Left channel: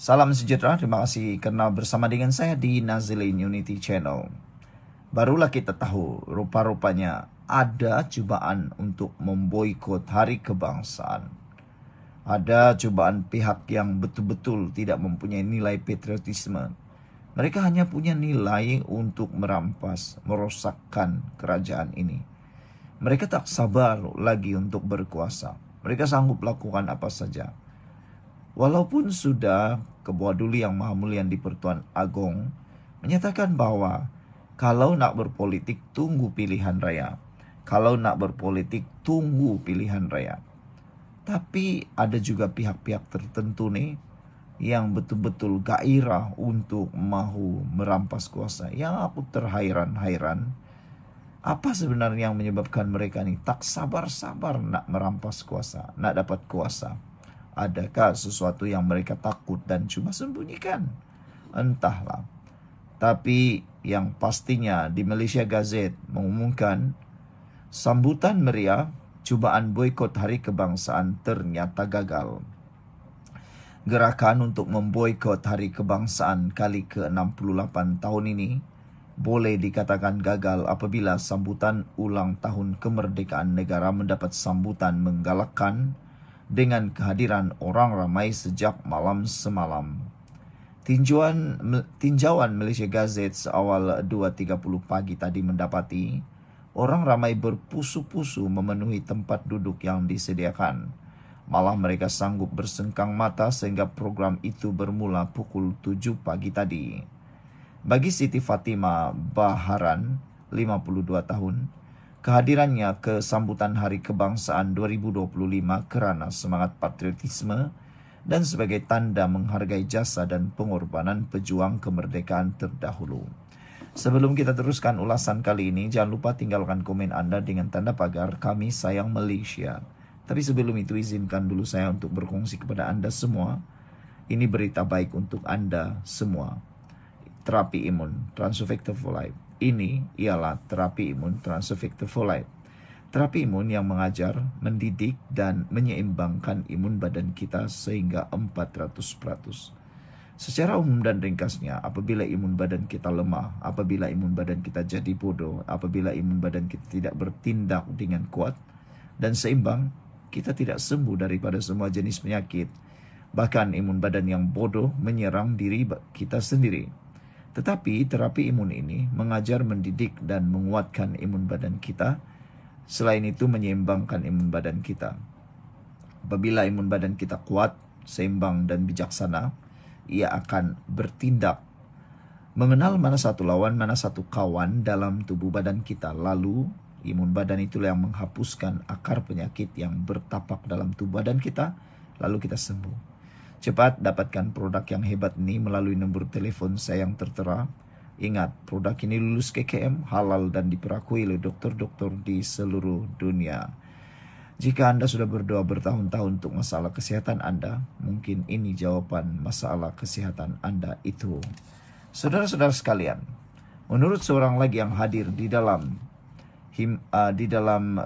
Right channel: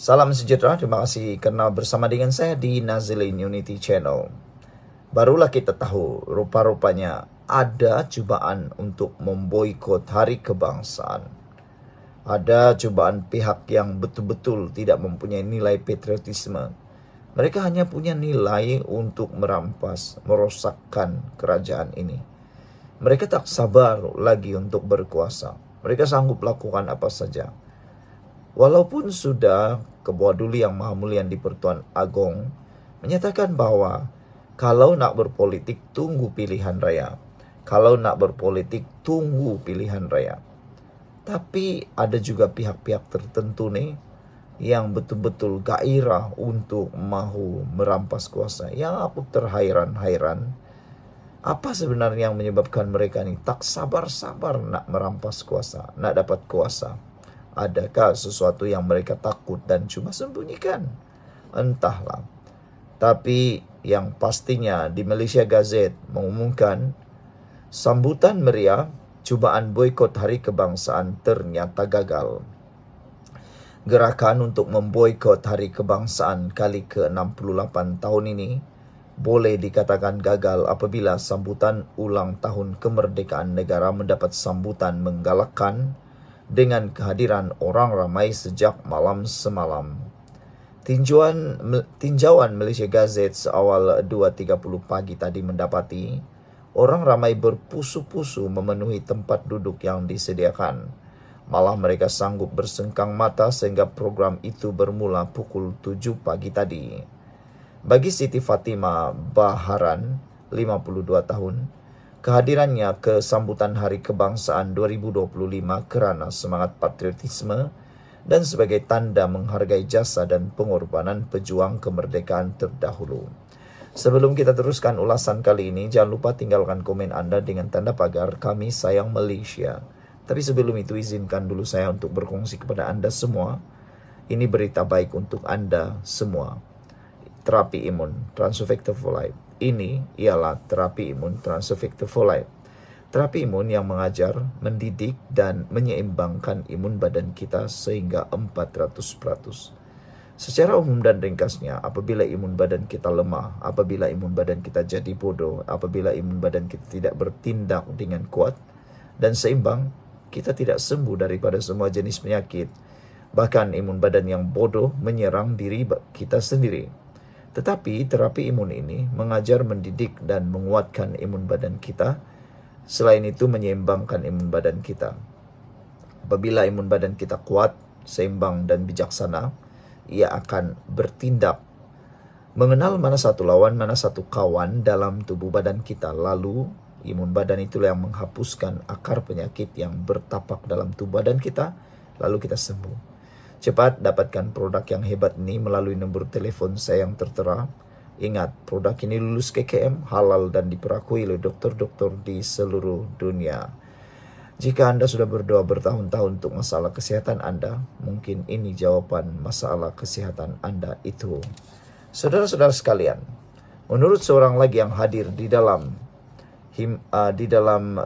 Salam sejahtera, terima kasih karena bersama dengan saya di Nazilin Unity Channel. Barulah kita tahu, rupa-rupanya ada cobaan untuk memboikot Hari Kebangsaan. Ada cobaan pihak yang betul-betul tidak mempunyai nilai patriotisme. Mereka hanya punya nilai untuk merampas, merosakkan kerajaan ini. Mereka tak sabar lagi untuk berkuasa. Mereka sanggup lakukan apa saja. Walaupun sudah Ketua Duli Yang Maha Mulia di Pertuan Agong menyatakan bahwa kalau nak berpolitik tunggu pilihan raya. Kalau nak berpolitik tunggu pilihan raya. Tapi ada juga pihak-pihak tertentu nih yang betul-betul gairah untuk mahu merampas kuasa. Yang aku terhairan-hairan, apa sebenarnya yang menyebabkan mereka nih tak sabar-sabar nak merampas kuasa, nak dapat kuasa? Adakah sesuatu yang mereka takut dan cuma sembunyikan? Entahlah. Tapi yang pastinya di Malaysia Gazette mengumumkan sambutan meriah cubaan boikot Hari Kebangsaan ternyata gagal. Gerakan untuk memboikot Hari Kebangsaan kali ke-68 tahun ini boleh dikatakan gagal apabila sambutan ulang tahun kemerdekaan negara mendapat sambutan menggalakkan dengan kehadiran orang ramai sejak malam semalam. Tinjauan Malaysia Gazette seawal 2.30 pagi tadi mendapati orang ramai berpusu-pusu memenuhi tempat duduk yang disediakan. Malah mereka sanggup bersengkang mata sehingga program itu bermula pukul 7 pagi tadi. Bagi Siti Fatimah Baharan, 52 tahun, kehadirannya ke sambutan Hari Kebangsaan 2025 kerana semangat patriotisme dan sebagai tanda menghargai jasa dan pengorbanan pejuang kemerdekaan terdahulu. Sebelum kita teruskan ulasan kali ini, jangan lupa tinggalkan komen Anda dengan tanda pagar Kami Sayang Malaysia. Tapi sebelum itu izinkan dulu saya untuk berkongsi kepada Anda semua. Ini berita baik untuk Anda semua. Terapi imun Transofecta Folite. Ini ialah terapi imun Transofecta Folite. Terapi imun yang mengajar, mendidik, dan menyeimbangkan imun badan kita sehingga 400%. Secara umum dan ringkasnya, apabila imun badan kita lemah, apabila imun badan kita jadi bodoh, apabila imun badan kita tidak bertindak dengan kuat dan seimbang, kita tidak sembuh daripada semua jenis penyakit. Bahkan imun badan yang bodoh menyerang diri kita sendiri. Tetapi terapi imun ini mengajar, mendidik, dan menguatkan imun badan kita. Selain itu menyeimbangkan imun badan kita. Apabila imun badan kita kuat, seimbang, dan bijaksana, ia akan bertindak. Mengenal mana satu lawan, mana satu kawan dalam tubuh badan kita. Lalu imun badan itulah yang menghapuskan akar penyakit yang bertapak dalam tubuh badan kita. Lalu kita sembuh. Cepat dapatkan produk yang hebat ini melalui nombor telepon saya yang tertera. Ingat, produk ini lulus KKM, halal dan diperakui oleh dokter-dokter di seluruh dunia. Jika Anda sudah berdoa bertahun-tahun untuk masalah kesehatan Anda, mungkin ini jawaban masalah kesehatan Anda itu. Saudara-saudara sekalian, menurut seorang lagi yang hadir di dalam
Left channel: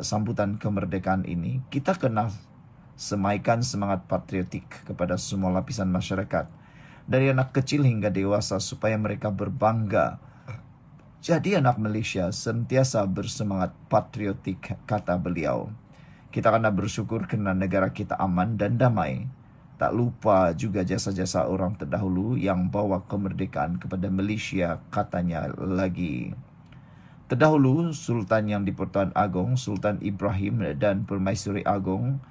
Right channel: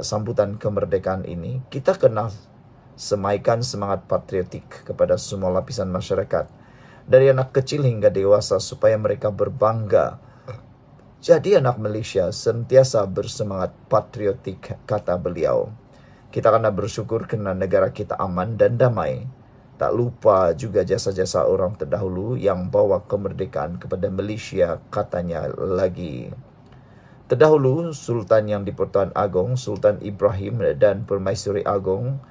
sambutan kemerdekaan ini, kita kena semaikan semangat patriotik kepada semua lapisan masyarakat, dari anak kecil hingga dewasa, supaya mereka berbangga. Jadi anak Malaysia sentiasa bersemangat patriotik, kata beliau. Kita kena bersyukur kerana negara kita aman dan damai. Tak lupa juga jasa-jasa orang terdahulu yang bawa kemerdekaan kepada Malaysia, katanya lagi. Terdahulu, Sultan yang di Pertuan Agong, Sultan Ibrahim dan Permaisuri Agong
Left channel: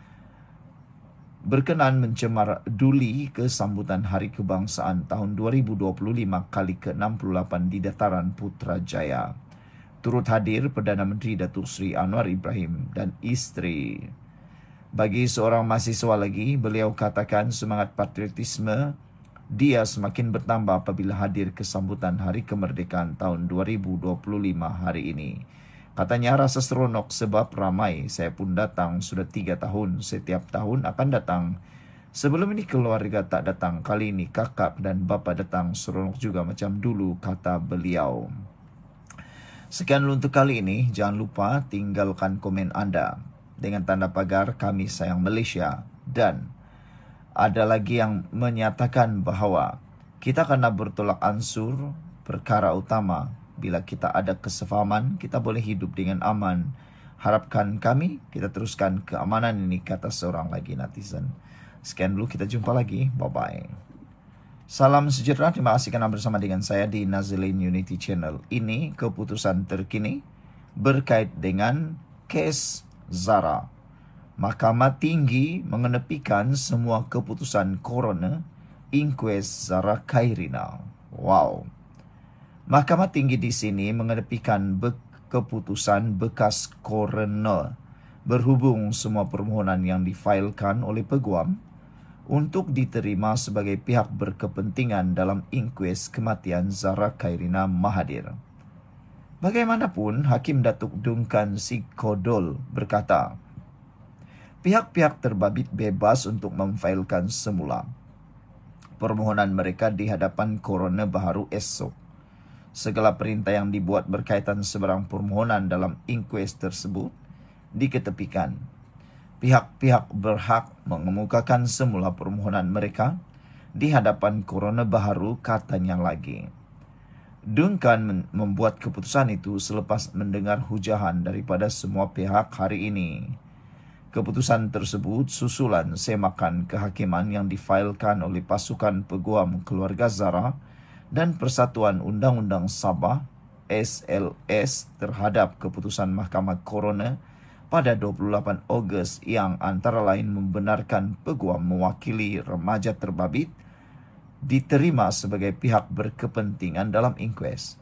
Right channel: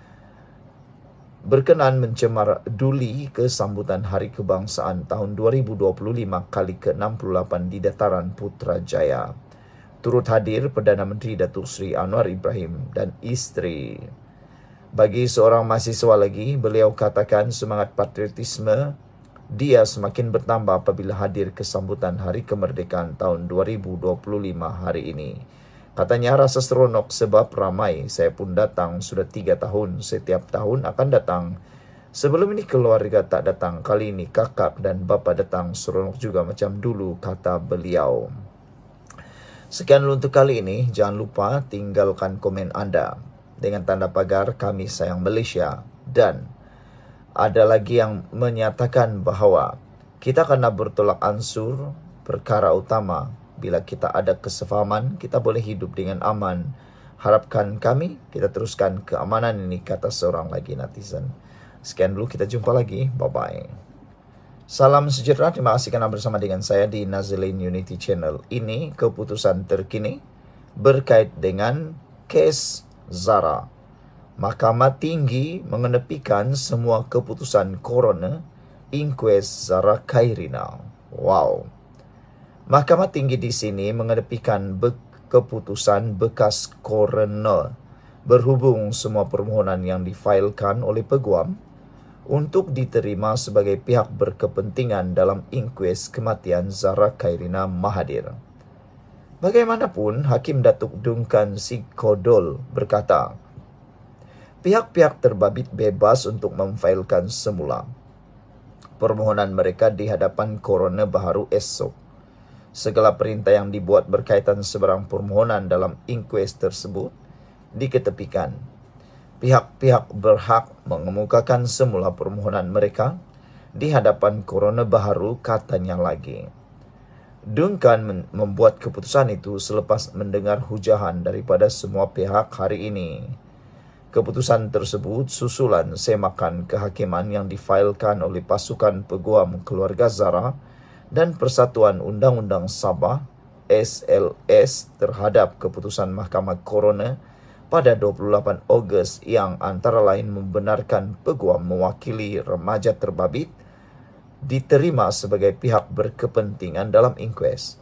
berkenan mencemar duli ke sambutan Hari Kebangsaan tahun 2025 kali ke-68 di Dataran Putrajaya. Turut hadir Perdana Menteri Datuk Seri Anwar Ibrahim dan isteri. Bagi seorang mahasiswa lagi, beliau katakan semangat patriotisme dia semakin bertambah apabila hadir ke sambutan Hari Kemerdekaan tahun 2025 hari ini. Katanya rasa seronok sebab ramai. Saya pun datang sudah 3 tahun. Setiap tahun akan datang. Sebelum ini keluarga tak datang. Kali ini kakak dan bapa datang. Seronok juga macam dulu, kata beliau. Sekian untuk kali ini. Jangan lupa tinggalkan komen Anda dengan tanda pagar Kami Sayang Malaysia. Dan Ada lagi yang menyatakan bahwa kita kena bertolak ansur perkara utama. Bila kita ada kesefahaman, kita boleh hidup dengan aman. Harapkan kami, kita teruskan keamanan ini, kata seorang lagi netizen. Sekian dulu, kita jumpa lagi. Bye-bye. Salam sejahtera, terima kasih karena bersama dengan saya di Nazilin Unity Channel. Ini keputusan terkini berkait dengan kes Zara. Mahkamah Tinggi mengenepikan semua keputusan Coroner inquest Zara Khairina. Wow. Mahkamah Tinggi di sini mengenepikan keputusan bekas Coroner berhubung semua permohonan yang difailkan oleh peguam untuk diterima sebagai pihak berkepentingan dalam inquest kematian Zara Khairina Mahathir. Bagaimanapun, Hakim Datuk Duncan Sikodol berkata, pihak-pihak terbabit bebas untuk memfailkan semula permohonan mereka di hadapan Coroner baharu esok. Segala perintah yang dibuat berkaitan sebarang permohonan dalam inquest tersebut diketepikan. Pihak-pihak berhak mengemukakan semula permohonan mereka di hadapan Coroner baharu, katanya lagi. Duncan membuat keputusan itu selepas mendengar hujahan daripada semua pihak hari ini. Keputusan tersebut susulan semakan kehakiman yang difailkan oleh pasukan peguam keluarga Zara dan Persatuan Undang-Undang Sabah SLS terhadap keputusan Mahkamah Coroner pada 28 Ogos yang antara lain membenarkan peguam mewakili remaja terbabit diterima sebagai pihak berkepentingan dalam inquest.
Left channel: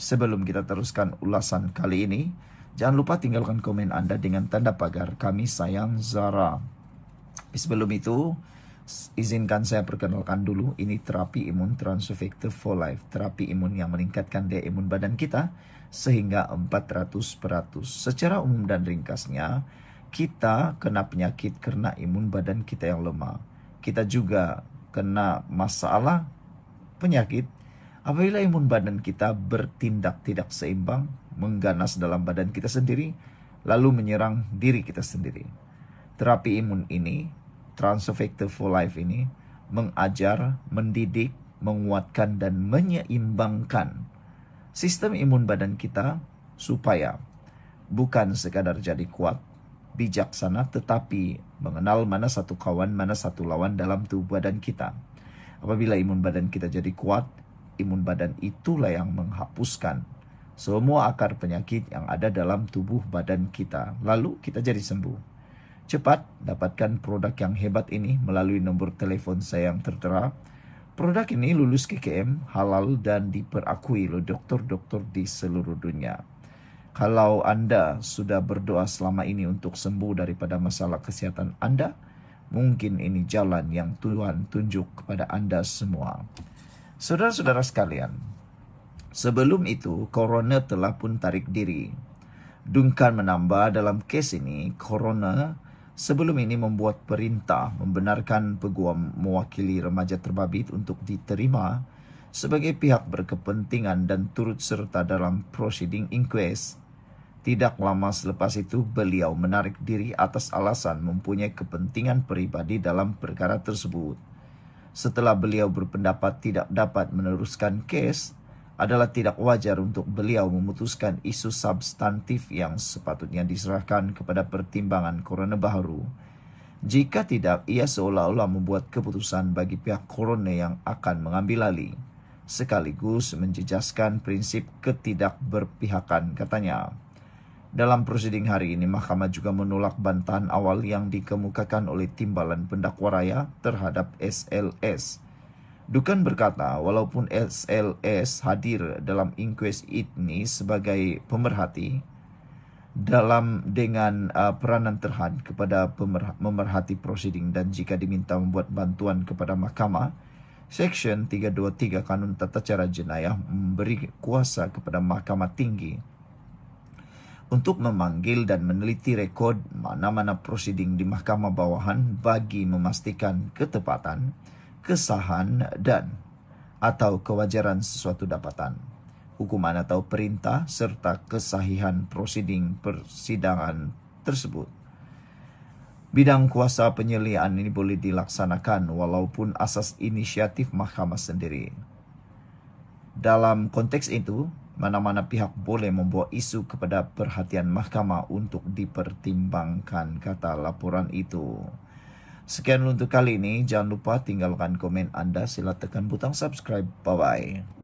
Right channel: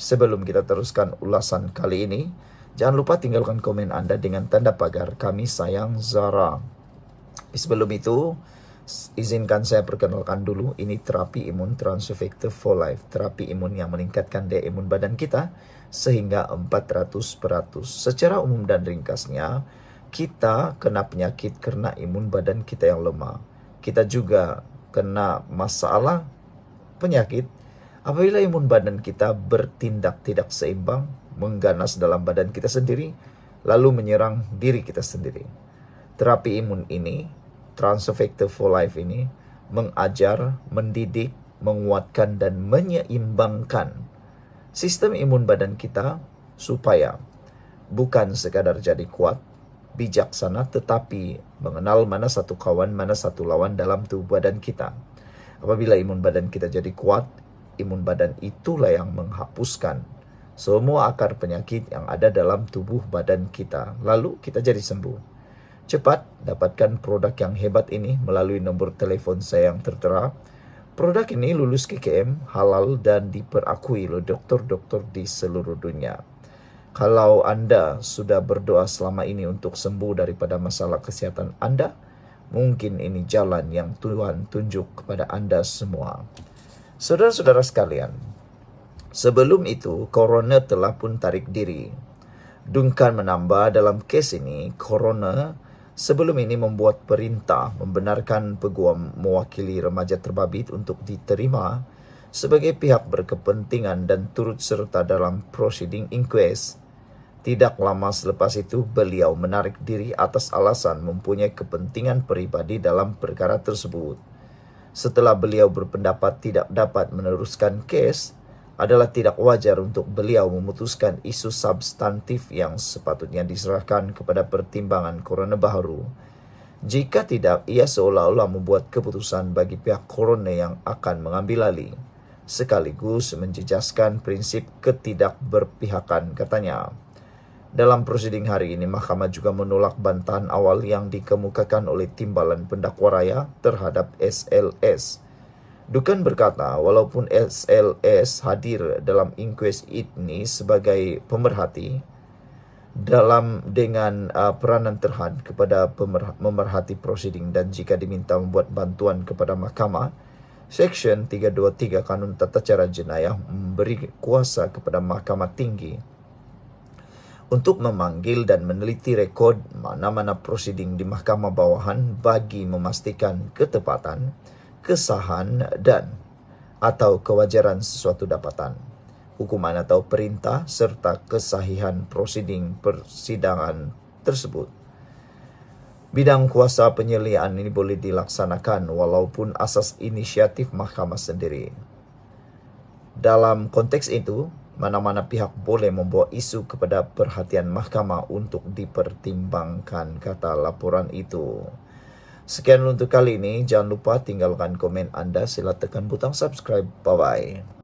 Sebelum kita teruskan ulasan kali ini, jangan lupa tinggalkan komen Anda dengan tanda pagar "Kami sayang Zara". Sebelum itu, izinkan saya perkenalkan dulu, ini terapi imun Transfer Factor for Life. Terapi imun yang meningkatkan daya imun badan kita sehingga 400%. Secara umum dan ringkasnya, kita kena penyakit karena imun badan kita yang lemah. Kita juga kena masalah penyakit apabila imun badan kita bertindak tidak seimbang, mengganas dalam badan kita sendiri, lalu menyerang diri kita sendiri. Terapi imun ini, Transfer Factor for Life ini, mengajar, mendidik, menguatkan, dan menyeimbangkan sistem imun badan kita supaya bukan sekadar jadi kuat, bijaksana, tetapi mengenal mana satu kawan, mana satu lawan dalam tubuh badan kita. Apabila imun badan kita jadi kuat, imun badan itulah yang menghapuskan semua akar penyakit yang ada dalam tubuh badan kita. Lalu kita jadi sembuh. Cepat dapatkan produk yang hebat ini melalui nomor telepon saya yang tertera. Produk ini lulus KKM, halal, dan diperakui oleh dokter-dokter di seluruh dunia. Kalau Anda sudah berdoa selama ini untuk sembuh daripada masalah kesihatan Anda, mungkin ini jalan yang Tuhan tunjuk kepada Anda semua. Saudara-saudara sekalian, sebelum itu, Coroner telah pun tarik diri. Duncan menambah dalam kes ini, Coroner sebelum ini membuat perintah membenarkan peguam mewakili remaja terbabit untuk diterima sebagai pihak berkepentingan dan turut serta dalam proceeding inquest. Tidak lama selepas itu, beliau menarik diri atas alasan mempunyai kepentingan pribadi dalam perkara tersebut. Setelah beliau berpendapat tidak dapat meneruskan kes, adalah tidak wajar untuk beliau memutuskan isu substantif yang sepatutnya diserahkan kepada pertimbangan Coroner baharu. Jika tidak, ia seolah-olah membuat keputusan bagi pihak Coroner yang akan mengambil alih, sekaligus menjejaskan prinsip ketidakberpihakan, katanya. Dalam prosiding hari ini, mahkamah juga menolak bantahan awal yang dikemukakan oleh Timbalan Pendakwa Raya terhadap SLS. Duncan berkata, walaupun SLS hadir dalam inquest ini sebagai pemerhati, dengan peranan terhad kepada pemerhati prosiding, dan jika diminta membuat bantuan kepada mahkamah, Seksyen 323 Kanun Tata Cara Jenayah memberi kuasa kepada Mahkamah Tinggi untuk memanggil dan meneliti rekod mana-mana prosiding di mahkamah bawahan bagi memastikan ketepatan, kesahan, dan atau kewajaran sesuatu dapatan, hukuman atau perintah, serta kesahihan prosiding persidangan tersebut. Bidang kuasa penyelidikan ini boleh dilaksanakan walaupun asas inisiatif mahkamah sendiri. Dalam konteks itu, mana-mana pihak boleh membawa isu kepada perhatian mahkamah untuk dipertimbangkan, kata laporan itu. Sekian untuk kali ini. Jangan lupa tinggalkan komen Anda. Sila tekan butang subscribe. Bye-bye.